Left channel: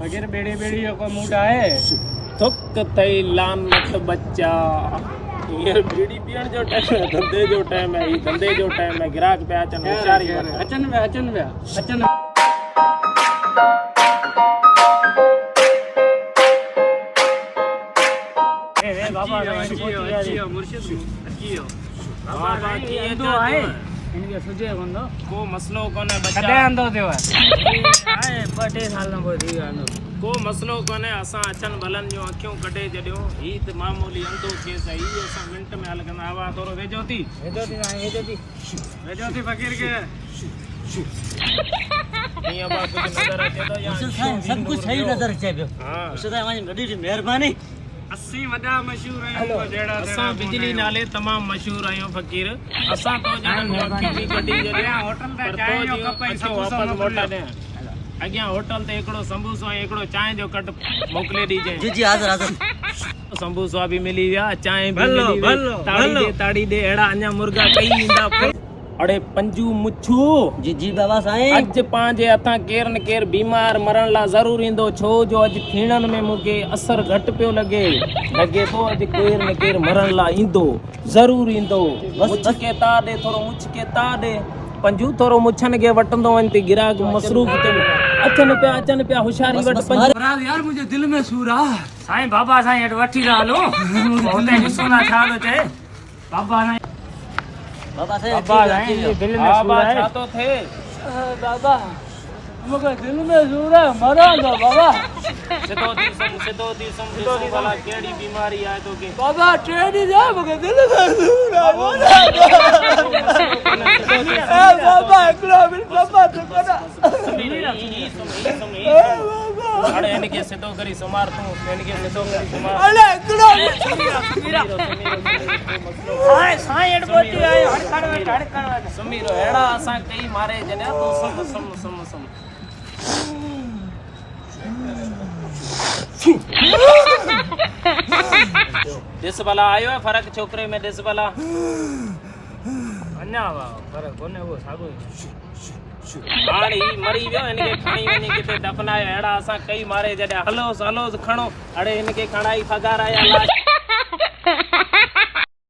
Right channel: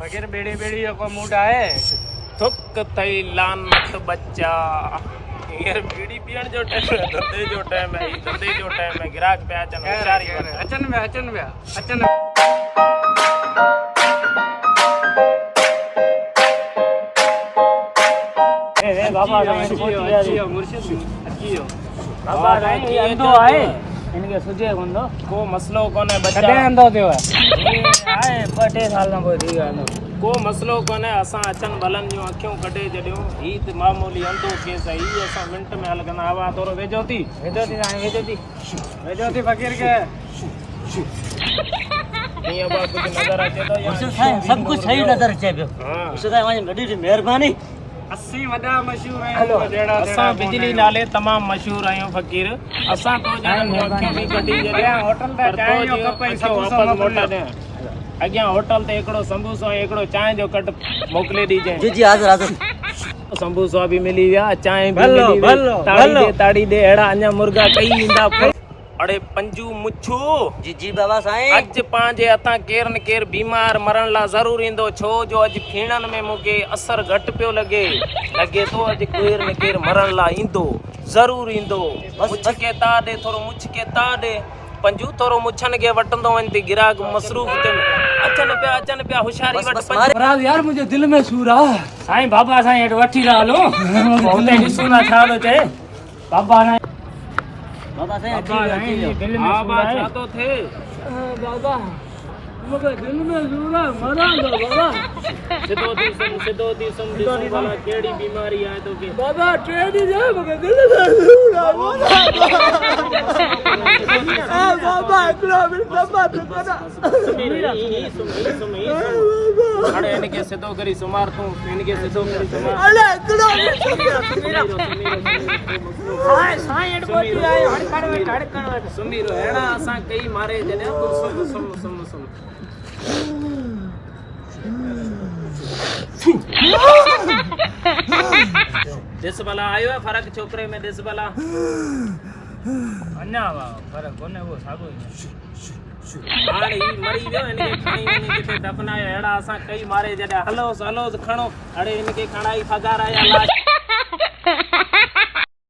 फकीर बेड़ी बेड़ी को मूड आए थुक थई लानत बच्चा यार बीड़ी पीण जो टाइम है धंधे जो टाइम है धंधे जो टाइम है ग्राहक पे अचन होशियारी अचन वे बाबा मुर्शिद अचियो बाबा अंधो आए इनके सुजे कोंदो को मसलो कोने बच्चा कदे अंधो थियो आए 2-3 साल न कोई थी अंधो को मसलो कोने असां अचन भलन जो अखियों कढे जडियो ही त मामूली अंधो केस है ही असां मिनट में हल कंदा आवा तोरो वेजो थी फकीर के ये बा कुछ नजर अचे तो या सब कुछ सही नजर अचे पियो हां उसका वही गडी जी मेहरबानी 80 वडा मशहूर आयो असां बिजली नाले तमाम मशहूर आयो फकीर असां तो जन अखियों में कढी जडिया होटल पे चाय जो कप वापस मोटा दे अगियां होटल ते एकड़ो संबूसो एकड़ो चाय जो कट मोकले दीजे जी जी हाजिर संबूसो भी मिली विया चाय भी मिली ताड़ी दे एड़ा अन्या मुर्गा कई इंदा अड़े पंजू मुछू जी जी बाबा साईं अज पांजे अथा केर न केर बीमार मरण ला जरूर इंदो छो जो अज खीणन में मुके असर घट पियो लगे तो अज केर न केर मरण ला इंदो जरूर इंदो मुछ के ता दे थोरो मुछ के ता दे पंजू थोरो मुछन के वटंदो वंती गिराक मसरूफ ते अचन पे होशियारी वट पंज महाराज यार मुझे दिल में सूर आ साईं बाबा साईं एट वठी ना लो बहुते निसुना छालो चे बाबा साईं दिल में सूर है तो थे दादा मुझे दिल में सूर है मरा ना बाबा सिद्धो दी सम वाला केड़ी बीमारी आए तो के बाबा टेडी जा मुझे दिल में सूर है बाबा एकलो मिल बाबा तो कोना अरे इनके सिद्धो करी सुमार तू इनके सिद्धो करी सुमार अरे एकलो हाय साईं एट बोटी आए हड़कड़ समीरो हेड़ा असा कई मारे जने तो सम दिस भला आयो है फर्क छोकरे में दिस भला अन्ना फर्क कोने वो सागो हाणी मरी वियो इनके खणी वनी किथे दफनायो हेड़ा असा कई मारे जडा हलो खणो अड़े इनके खणाई फगार आया लाश